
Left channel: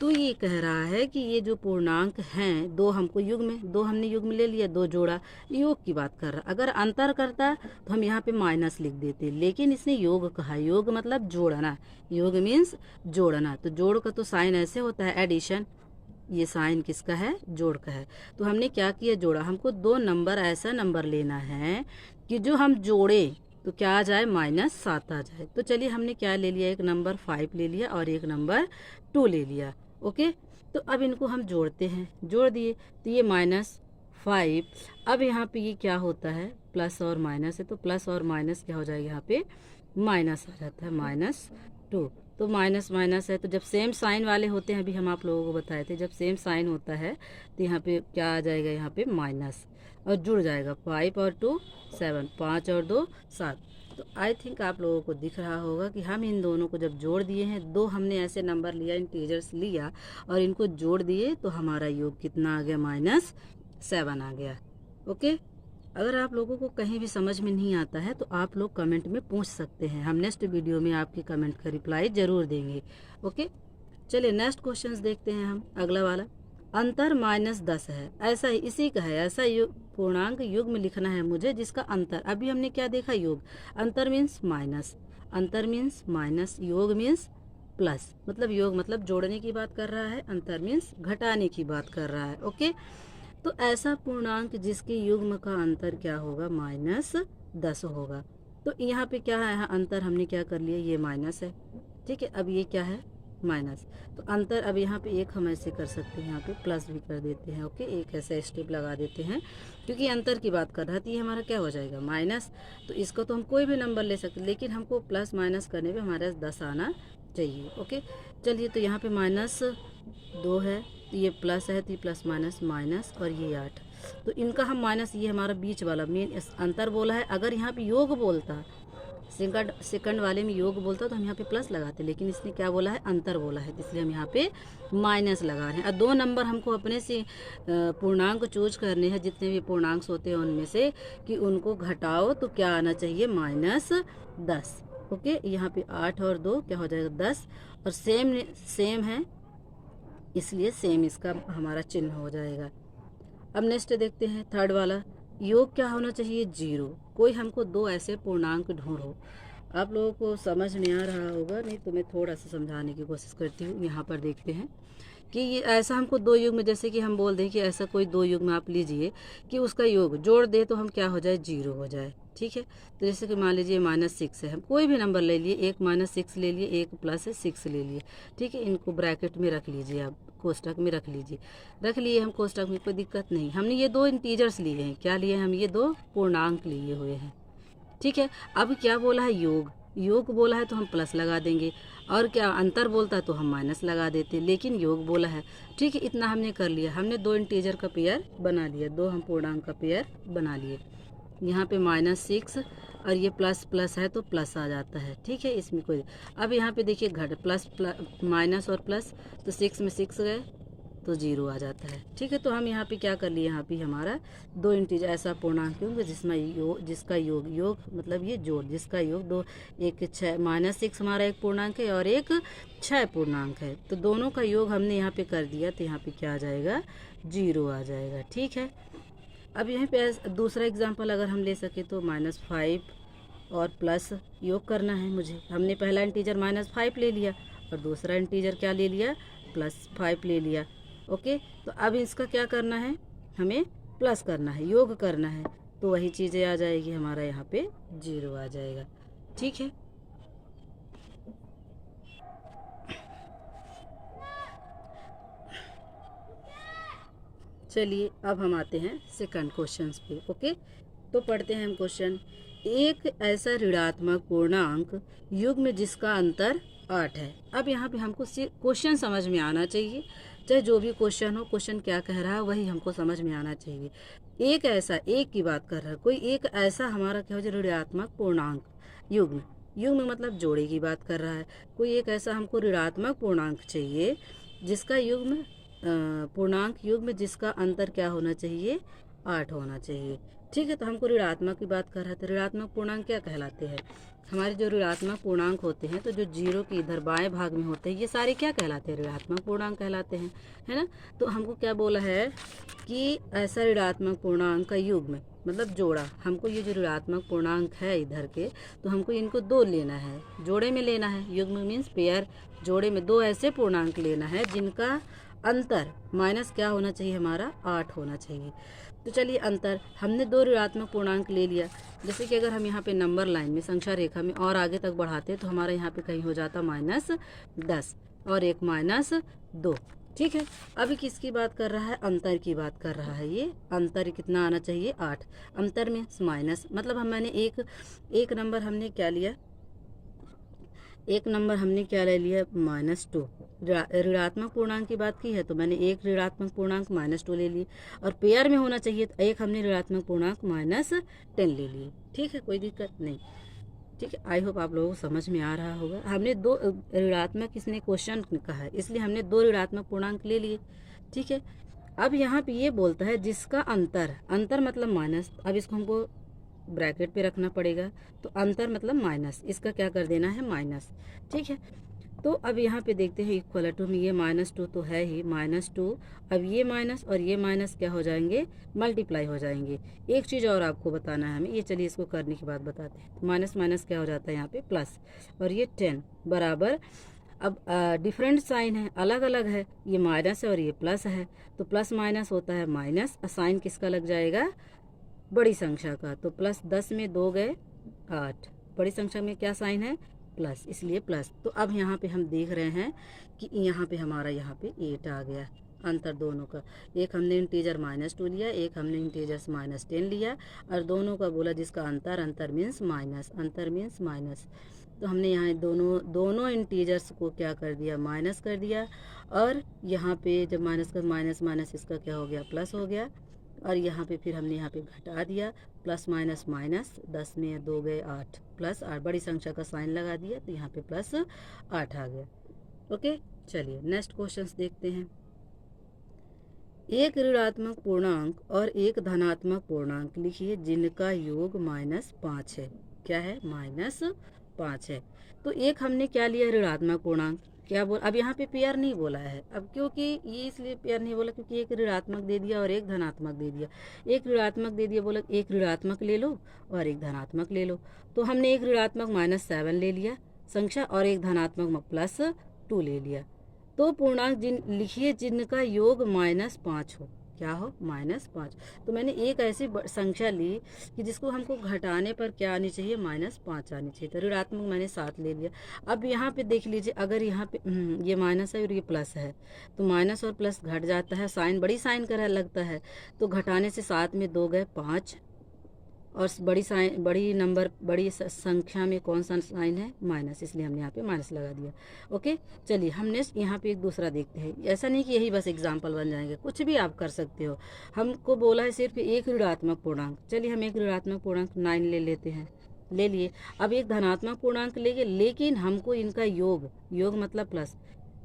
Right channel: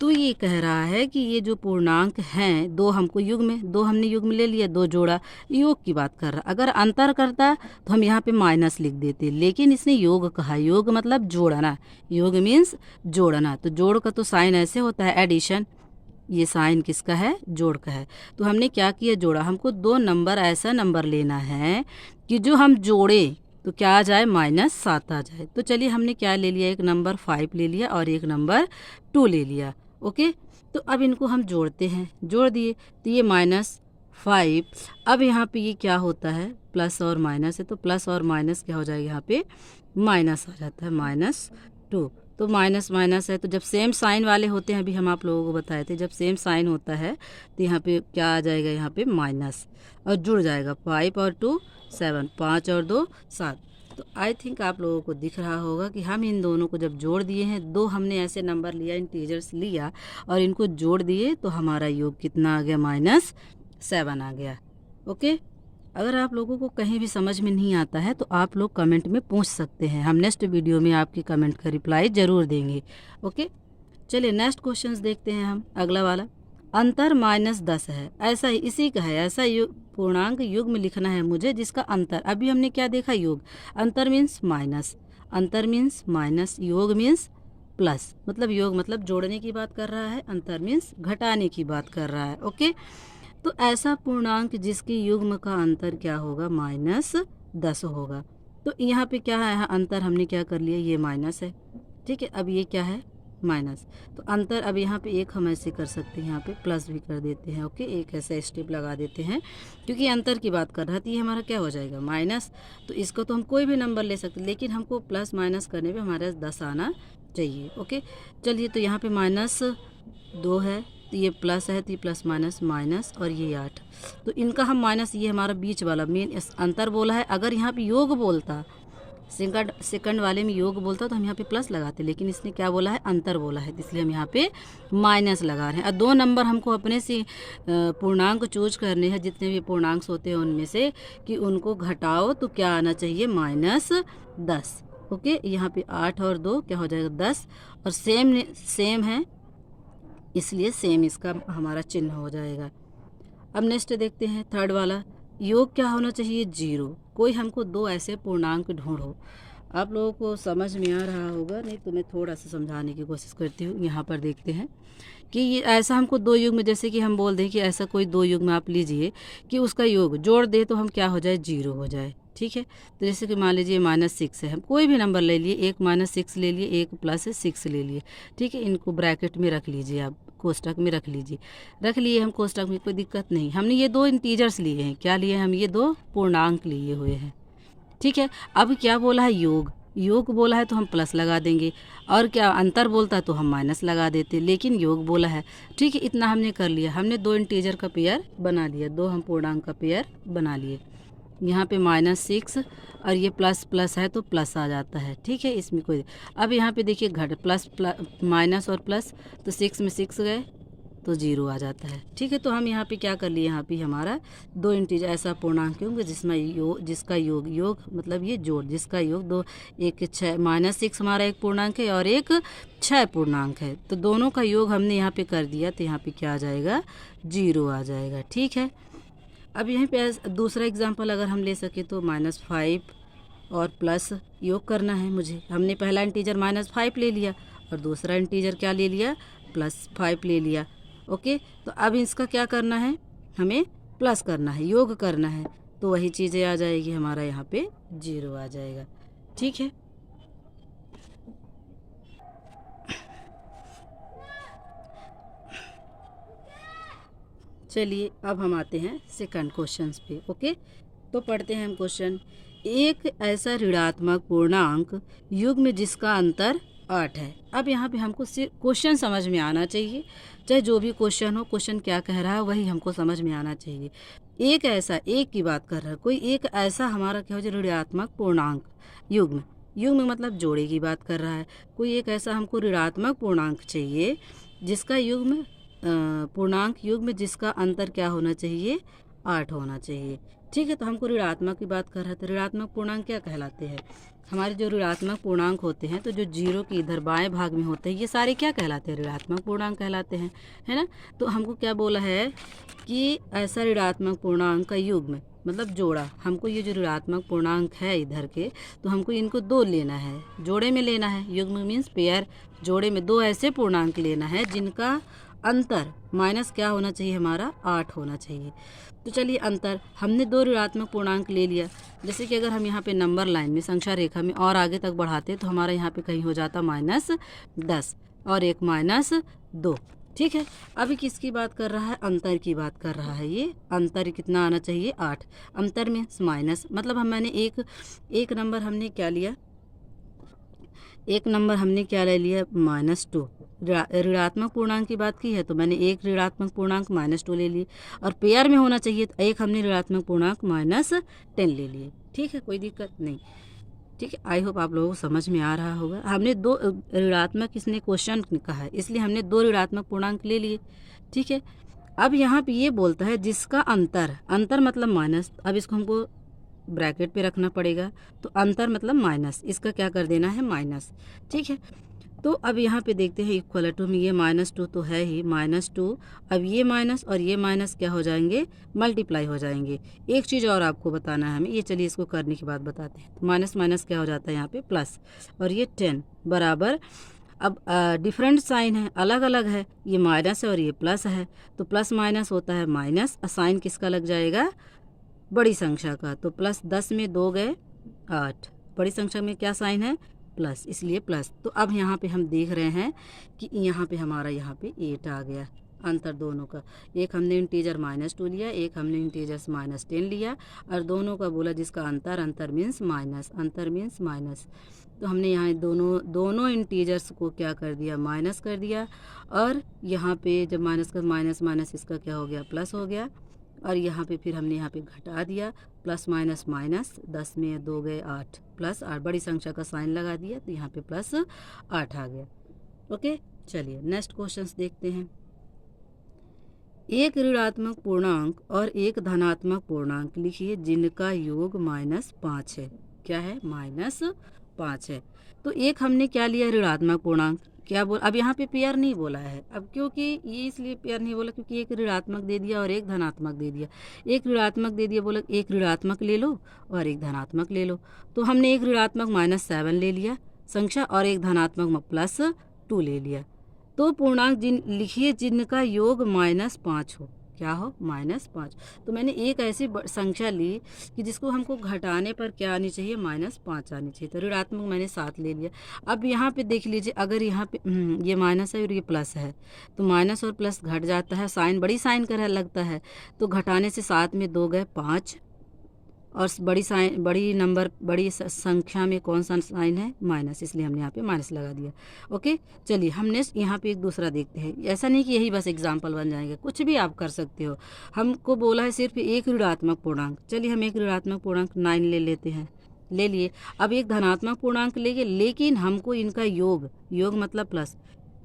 तो ये कह रहा है कि ये जो पूर्णांक हैं, दो हमको दो हमने युग्म ले लिया, दो जोड़ा, योग की बात कर रहा। अगर अंतर करता तो हम यहाँ पे माइनस लिख देते, लेकिन इसने योग कहा, योग मतलब जोड़ना, योग मीन्स जोड़ना। तो जोड़ का तो साइन ऐसे होता है, एडिशन, ये साइन किसका है, जोड़ का है। तो हमने क्या किया, जोड़ा। हमको दो नंबर, ऐसा नंबर लेना है कि जो हम जोड़े तो क्या आ जाए, -7 आ जाए। तो चलिए हमने क्या ले लिया, एक नंबर 5 ले लिया और एक नंबर 2 ले लिया। ओके, तो अब इनको हम जोड़ते हैं, जोड़ दिए तो ये -5। अब यहाँ पे ये क्या होता है, प्लस और माइनस है, तो प्लस और माइनस क्या हो जाएगा, यहाँ पे माइनस आ जाता है, -2। तो माइनस माइनस है, तो जब सेम साइन वाले होते हैं, अभी हम आप लोगों को बताए थे, जब सेम साइन होता है तो यहाँ पे क्या आ जाएगा, यहाँ पे माइनस और जुड़ जाएगा, 5 और 2 7, 5 और 2 7। तो आई थिंक आप लोगों को दिख रहा होगा कि हम इन दोनों को जब जोड़ दिए हैं, दो हमने ऐसे नंबर लिया, इंटीजर्स लिया और इनको जोड़ दिए, तो हमारा योग कितना आ गया, -7 आ गया। ओके, अगर आप लोगों को कहीं भी समझ में नहीं आता है तो आप लोग कमेंट में पूछ सकते हैं, हम नेक्स्ट वीडियो में आपकी कमेंट का रिप्लाई ज़रूर देंगे। ओके, चलिए नेक्स्ट क्वेश्चंस देखते हैं हम, अगला वाला, अंतर -10 है, ऐसा ही इसी का है, ऐसा पूर्णांक युग्म लिखना है मुझे जिसका अंतर, अभी हमने क्या देखा, योग, अंतर मीन्स माइनस, अंतर मीन्स माइनस, योग मीन्स प्लस, मतलब योग मतलब जोड़ने की बात कर रहा है, अंतर मीन्स घटाने की बात कर रहा है। ओके, तो ऐसा पूर्णांक जिसके युग्म का अंतर क्या होगा, -10 होगा। तो यहाँ पे क्या है, अंतर हमने क्या कर लिया, ये माइनस है, ठीक है। अब ये क्या है, माइनस, तो अंतर, अब यहाँ पे एक हम ऐसे कर सकते हैं, यहाँ पे प्लस भी कर देते हैं। ओके, एक ऐसा स्टेप लगा देते हैं, क्योंकि अंतर की बात कर रहा है, तो ये हमारा क्या हो जाएगा, माइनस। तो इसको तो हम कोई भी नंबर ले सकते, लेकिन हमको प्लस माइनस करने पे हमारे 10 आना चाहिए। ओके, चलिए, तो यहाँ पे -2 है, तो ये प्लस है, तो ये प्लस माइनस माइनस और ये 8, तो इनका हम माइनस, ये हमारा बीच वाला मेन अंतर बोला है। अगर यहाँ पे योग बोलता सेकंड वाले में योग बोलता तो हम यहाँ पे प्लस लगाते, लेकिन इसने क्या बोला है, अंतर बोला है, इसलिए हम यहाँ पे माइनस लगा रहे हैं। और 2 नंबर हमको अपने से पूर्णांक चूज करने हैं, जितने भी पूर्णांक होते हैं उनमें से, कि उनको घटाओ तो क्या आना चाहिए, -10। ओके, यहाँ पे 8 और 2 क्या हो जाएगा, 10, और सेम है इसलिए सेम इसका हमारा चिन्ह हो जाएगा। अब नेक्स्ट देखते हैं थर्ड वाला, योग क्या होना चाहिए, 0। कोई हमको 2 ऐसे पूर्णांक ढूंढो। आप लोगों को समझ में आ रहा होगा, नहीं तो मैं थोड़ा सा समझाने की कोशिश करती हूँ। यहाँ पर देखते हैं कि ये ऐसा हमको 2 युग्म, जैसे कि हम बोल दें कि ऐसा कोई 2 युग्म आप लीजिए कि उसका योग जोड़ दे तो हम क्या हो जाए, 0 हो जाए। ठीक है, तो जैसे कि मान लीजिए -6 है, हम कोई भी नंबर ले लिए, एक -6 ले लिए, एक +6 ले लिए। ठीक है, इनको ब्रैकेट में रख लीजिए, आप कोष्टक में रख लीजिए। रख लिए हम कोष्टक में, कोई दिक्कत नहीं। हमने ये 2 इंटीजर्स लिए हैं, क्या लिए, हम ये 2 पूर्णांक लिए हुए हैं। ठीक है, अब क्या बोला है, योग बोला है तो हम प्लस लगा देंगे, और क्या अंतर बोलता है तो हम माइनस लगा देते, लेकिन योग बोला है। ठीक है, इतना हमने कर लिया, हमने 2 इंटीजर का पेयर बना लिया, 2 हम पूर्णांक का पेयर बना लिए। यहाँ पे -6 और ये प्लस है तो प्लस आ जाता है। ठीक है, इसमें कोई, अब यहाँ पे देखिए प्लस माइनस और प्लस, तो 6 में 6 गए तो 0 आ जाता है। ठीक है, तो हम यहाँ पे क्या कर लिए, यहाँ पे हमारा 2 इंटीजर ऐसा पूर्णांक होंगे जिसका योग मतलब ये जोड़, जिसका योग 2, एक 6 -6 हमारा एक पूर्णांक है और एक 6 पूर्णांक है, तो दोनों का योग हमने यहाँ पे कर दिया, तो यहाँ पे क्या आ जाएगा, 0 आ जाएगा। ठीक है, अब यहीं पे दूसरा एग्जांपल अगर हम ले सके तो -5 और प्लस योग करना है मुझे। हमने पहला इंटीजर -5 ले लिया और दूसरा इंटीजर क्या ले लिया, +5 ले लिया। ओके, तो अब इसका क्या करना है, हमें प्लस करना है, योग करना है, तो वही चीज़ें आ जाएगी, हमारा यहाँ पे 0 आ जाएगा। ठीक है, चलिए अब हम आते हैं सेकंड क्वेश्चन पे। ओके, तो पढ़ते हैं हम क्वेश्चन। एक ऐसा ऋणात्मक पूर्णांक युग्म जिसका अंतर 8 है। अब यहाँ पे हमको क्वेश्चन समझ में आना चाहिए, चाहे जो भी क्वेश्चन हो, क्वेश्चन क्या कह रहा है वही हमको समझ में आना चाहिए। एक की बात कर रहा है कोई, एक ऐसा हमारा क्या हो जाए, ऋणात्मक पूर्णांक युग्म मतलब जोड़े की बात कर रहा है। कोई एक ऐसा हमको ऋणात्मक पूर्णांक चाहिए जिसका पूर्णांक युग्म जिसका अंतर क्या होना चाहिए, 8 होना चाहिए। ठीक है, तो हमको ऋणात्मक की बात कर रहा है, तो ऋणात्मक पूर्णांक क्या कहलाते हैं, हमारे जो ऋणात्मक पूर्णांक होते हैं, तो जो 0 के इधर बाएं भाग में होते हैं, ये सारे क्या कहलाते हैं, ऋणात्मक पूर्णांक कहलाते हैं, है ना। तो हमको क्या बोला है कि ऐसा ऋणात्मक पूर्णांक का युग्म मतलब जोड़ा, हमको ये जो ऋणात्मक पूर्णांक है इधर के, तो हमको इनको 2 लेना है, जोड़े में लेना है। युग्म मीन्स पेयर, जोड़े में 2 ऐसे पूर्णांक लेना है जिनका अंतर माइनस क्या होना चाहिए, हमारा 8 होना चाहिए। तो चलिए अंतर, हमने 2 ऋणात्मक पूर्णांक ले लिया। जैसे कि अगर हम यहाँ पे नंबर लाइन में, संख्या रेखा में और आगे तक बढ़ाते तो हमारा यहाँ पे कहीं हो जाता -10 और एक -2। ठीक है, अभी किसकी बात कर रहा है, अंतर की बात कर रहा है। ये अंतर कितना आना चाहिए, 8। अंतर में माइनस मतलब मैंने एक नंबर हमने क्या लिया, एक नंबर हमने क्या ले लिया, -2। ऋणात्मक पूर्णांक की बात की है तो मैंने एक ऋणात्मक पूर्णांक -2 ले ली, और पेयर में होना चाहिए तो एक हमने ऋणात्मक पूर्णांक -10 ले लिए। ठीक है, कोई दिक्कत नहीं। ठीक है, आई होप आप लोगों को समझ में आ रहा होगा। हमने 2 ऋणात्मक, इसने क्वेश्चन कहा है इसलिए हमने 2 ऋणात्मक पूर्णांक ले लिए। ठीक है, अब यहाँ पे ये बोलता है जिसका अंतर मतलब माइनस, अब इसको हमको ब्रैकेट पे रखना पड़ेगा, तो अंतर मतलब माइनस, इसका क्या कर देना है, माइनस। ठीक है, तो अब यहाँ पे देखते हैं इक्वल टू में, ये -2 तो है ही, -2। अब ये माइनस और ये माइनस क्या हो जाएंगे, मल्टीप्लाई हो जाएंगे। एक चीज़ और आपको बताना है हमें, ये चलिए इसको करने के बाद बताते हैं। तो माइनस माइनस क्या हो जाता है यहाँ पे प्लस, और ये 10 बराबर, अब डिफरेंट साइन है, अलग अलग है, ये माइनस है और ये प्लस है, तो प्लस माइनस होता है माइनस, साइन किसका लग जाएगा, बड़ी संख्या का। तो +10 में 2 गए 8, बड़ी संख्या में क्या साइन है, प्लस, इसलिए प्लस। तो अब यहाँ पे हम देख रहे हैं कि यहाँ पे हमारा यहाँ पे 8 आ गया, अंतर दोनों का। एक हमने इंटीजर -2 लिया, एक हमने इंटीजर -10 लिया, और दोनों का बोला जिसका अंतर मीन्स माइनस, अंतर मीन्स माइनस। तो हमने यहाँ दोनों इंटीजर्स को क्या कर दिया, माइनस कर दिया, और यहाँ पे जब माइनस का माइनस इसका क्या हो गया, प्लस हो गया। और यहाँ पे फिर हमने यहाँ पे घटा दिया, प्लस माइनस माइनस, 10 में 2 गए 8, प्लस 8 बड़ी संख्या का साइन लगा दिया तो यहाँ पे प्लस 8 आ गया। ओके, चलिए नेक्स्ट क्वेश्चन देखते हैं। एक ऋणात्मक पूर्णांक और एक धनात्मक पूर्णांक लिखिए जिनका योग -5 है। क्या है? -5 है। तो एक हमने क्या लिया? ऋणात्मक पूर्णांक। क्या बोल, अब यहाँ पे पेयर नहीं बोला है। अब क्योंकि ये इसलिए पेयर नहीं बोला क्योंकि एक ऋणात्मक दे दिया और एक धनात्मक दे दिया। एक ऋणात्मक दे दिया, बोला एक ऋणात्मक ले लो और एक धनात्मक ले लो। तो हमने एक ऋणात्मक -7 ले लिया संख्या और एक धनात्मक +2 ले लिया। तो पूर्णांक लिखिए जिनका योग -5 हो। क्या हो? -5। तो मैंने एक ऐसी संख्या ली कि जिसको हमको घटाने पर क्या आनी चाहिए? -5 आनी चाहिए। तो ऋणात्मक मैंने 7 ले लिया। अब यहाँ पे देख लीजिए, अगर यहाँ पे ये माइनस है और ये प्लस है तो माइनस और प्लस घट जाता है, साइन बड़ी साइन का लगता है। तो घटाने से 7 में 2 गए 5 और बड़ी संख्या में कौन सा साइन है? माइनस, इसलिए हमने यहाँ पे माइनस लगा दिया। ओके, चलिए हम नेक्स्ट यहाँ पे एक दूसरा देखते हैं। ऐसा नहीं कि यही बस एग्जाम्पल बन जाएंगे, कुछ भी आप कर सकते हो। हमको बोला है सिर्फ एक ऋणात्मक पूर्णांक। चलिए हम एक ऋणात्मक पूर्णांक 9 ले लेते हैं, ले लिए। अब एक धनात्मक पूर्णांक लेंगे, लेकिन हमको इनका योग मतलब प्लस।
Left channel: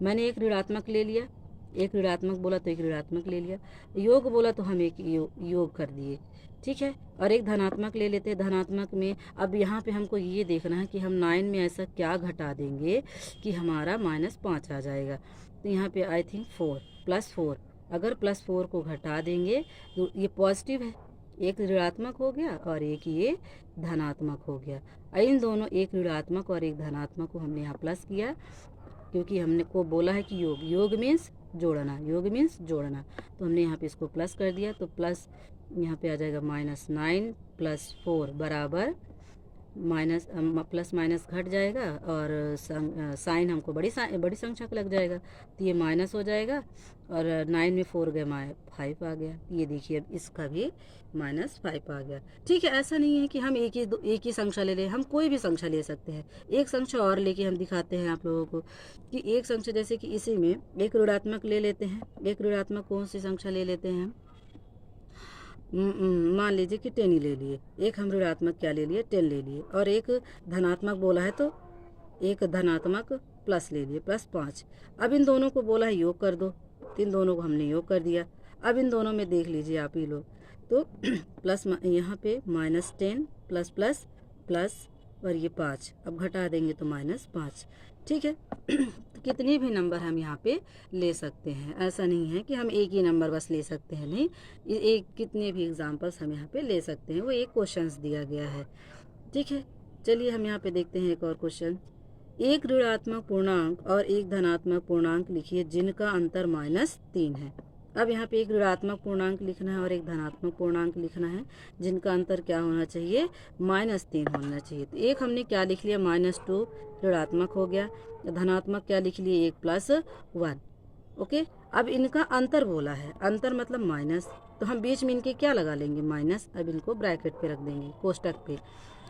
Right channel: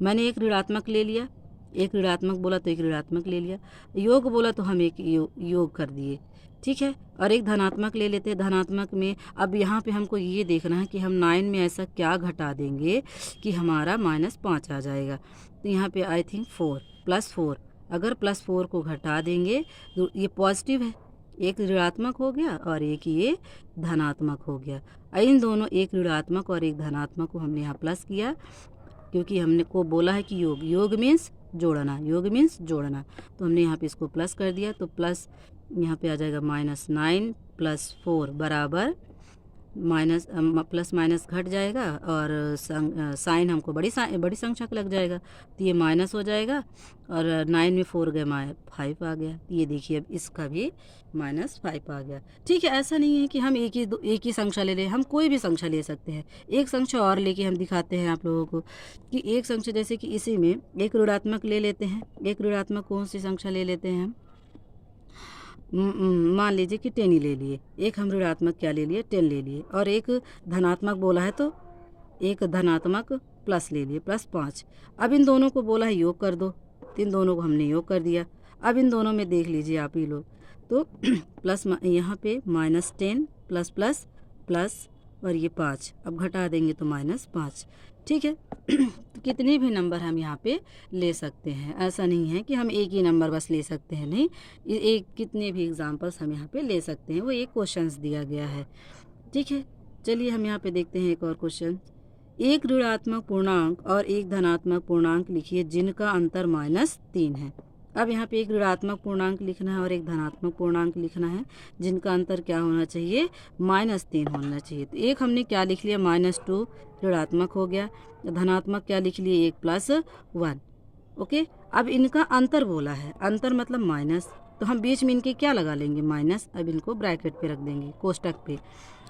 मैंने एक ऋणात्मक ले लिया, एक ऋणात्मक बोला तो एक ऋणात्मक ले लिया, योग बोला तो हम एक योग कर दिए। ठीक है, और एक धनात्मक ले लेते हैं। धनात्मक में अब यहाँ पे हमको ये देखना है कि हम 9 में ऐसा क्या घटा देंगे कि हमारा -5 आ जाएगा। तो यहाँ पे आई थिंक 4 +4, अगर +4 को घटा देंगे तो ये पॉजिटिव है, एक ऋणात्मक हो गया और एक ये धनात्मक हो गया। इन दोनों, एक ऋणात्मक और एक धनात्मक को हमने यहाँ प्लस किया क्योंकि हमने को बोला है कि योग मीन्स जोड़ना, योग मीन्स जोड़ना। तो हमने यहाँ पे इसको प्लस कर दिया, तो प्लस यहाँ पे आ जाएगा -9 + 4 बराबर माइनस, प्लस माइनस घट जाएगा और साइन हमको बड़ी संख्या का लग जाएगा तो ये माइनस हो जाएगा और 9 में 4 गए 5 आ गया। ये देखिए अब इसका भी -5 आ गया। ठीक है, ऐसा नहीं है कि हम एक ही संख्या ले लें, हम कोई भी संख्या ले सकते हैं। एक संख्या और लेके हम दिखाते हैं आप लोगों को कि एक संख्या, जैसे कि इसी में एक ऋणात्मक ले लेते हैं। एक ऋणात्मक कौन सी संख्या ले लेते हैं हम? मान लीजिए कि 10 ही ले लिए। एक हम ऋणात्मक क्या ले लिए? 10 ले लिए। और एक धनात्मक बोला है तो एक धनात्मक प्लस ले लिए, +5। अब इन दोनों को बोला है योग कर दो, तो इन दोनों को हमने योग कर दिया। अब इन दोनों में देख लीजिए आप ही लोग, तो प्लस यहाँ पे -10 प्लस प्लस प्लस और ये 5, अब घटा देंगे तो -5। ठीक है, तो कितने भी नंबर हम यहाँ पे ले सकते हैं। ऐसा नहीं है कि हम एक ही नंबर बस ले सकते हैं, नहीं, एक कितने भी एग्जाम्पल्स हम यहाँ पे ले सकते हैं। वो एक क्वेश्चंस दिया गया है। ठीक है, चलिए हम यहाँ पे देखते हैं एक और क्वेश्चन। एक ऋणात्मक पूर्णांक और एक धनात्मक पूर्णांक लिखिए जिनका अंतर -3 है। अब यहाँ पे एक ऋणात्मक पूर्णांक लिखना है और एक धनात्मक पूर्णांक लिखना है जिनका अंतर क्या होना चाहिए? -3 होना चाहिए। तो एक हमने क्या लिख लिया? -2 ऋणात्मक हो गया, धनात्मक क्या लिख लिए? एक +1। ओके, अब इनका अंतर बोला है, अंतर मतलब माइनस, तो हम बीच में इनके क्या लगा लेंगे? माइनस। अब इनको ब्रैकेट पे रख देंगे, कोष्टक पे।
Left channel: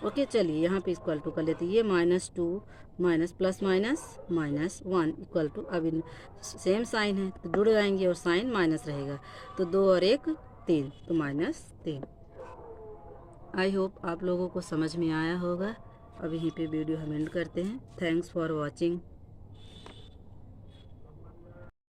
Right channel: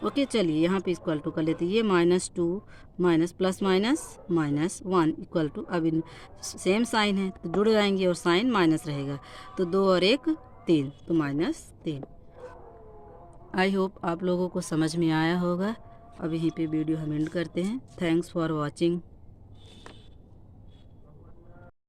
ओके, चलिए यहाँ पे इक्वल टू कर लेते हैं। ये -2 minus plus minus -1 equal to, अब इन सेम साइन है तो जुड़ जाएंगे और साइन माइनस रहेगा, तो 2 और 1 3, तो -3। आई होप आप लोगों को समझ में आया होगा। अब यहीं पे वीडियो हम एंड करते हैं। Thanks for watching.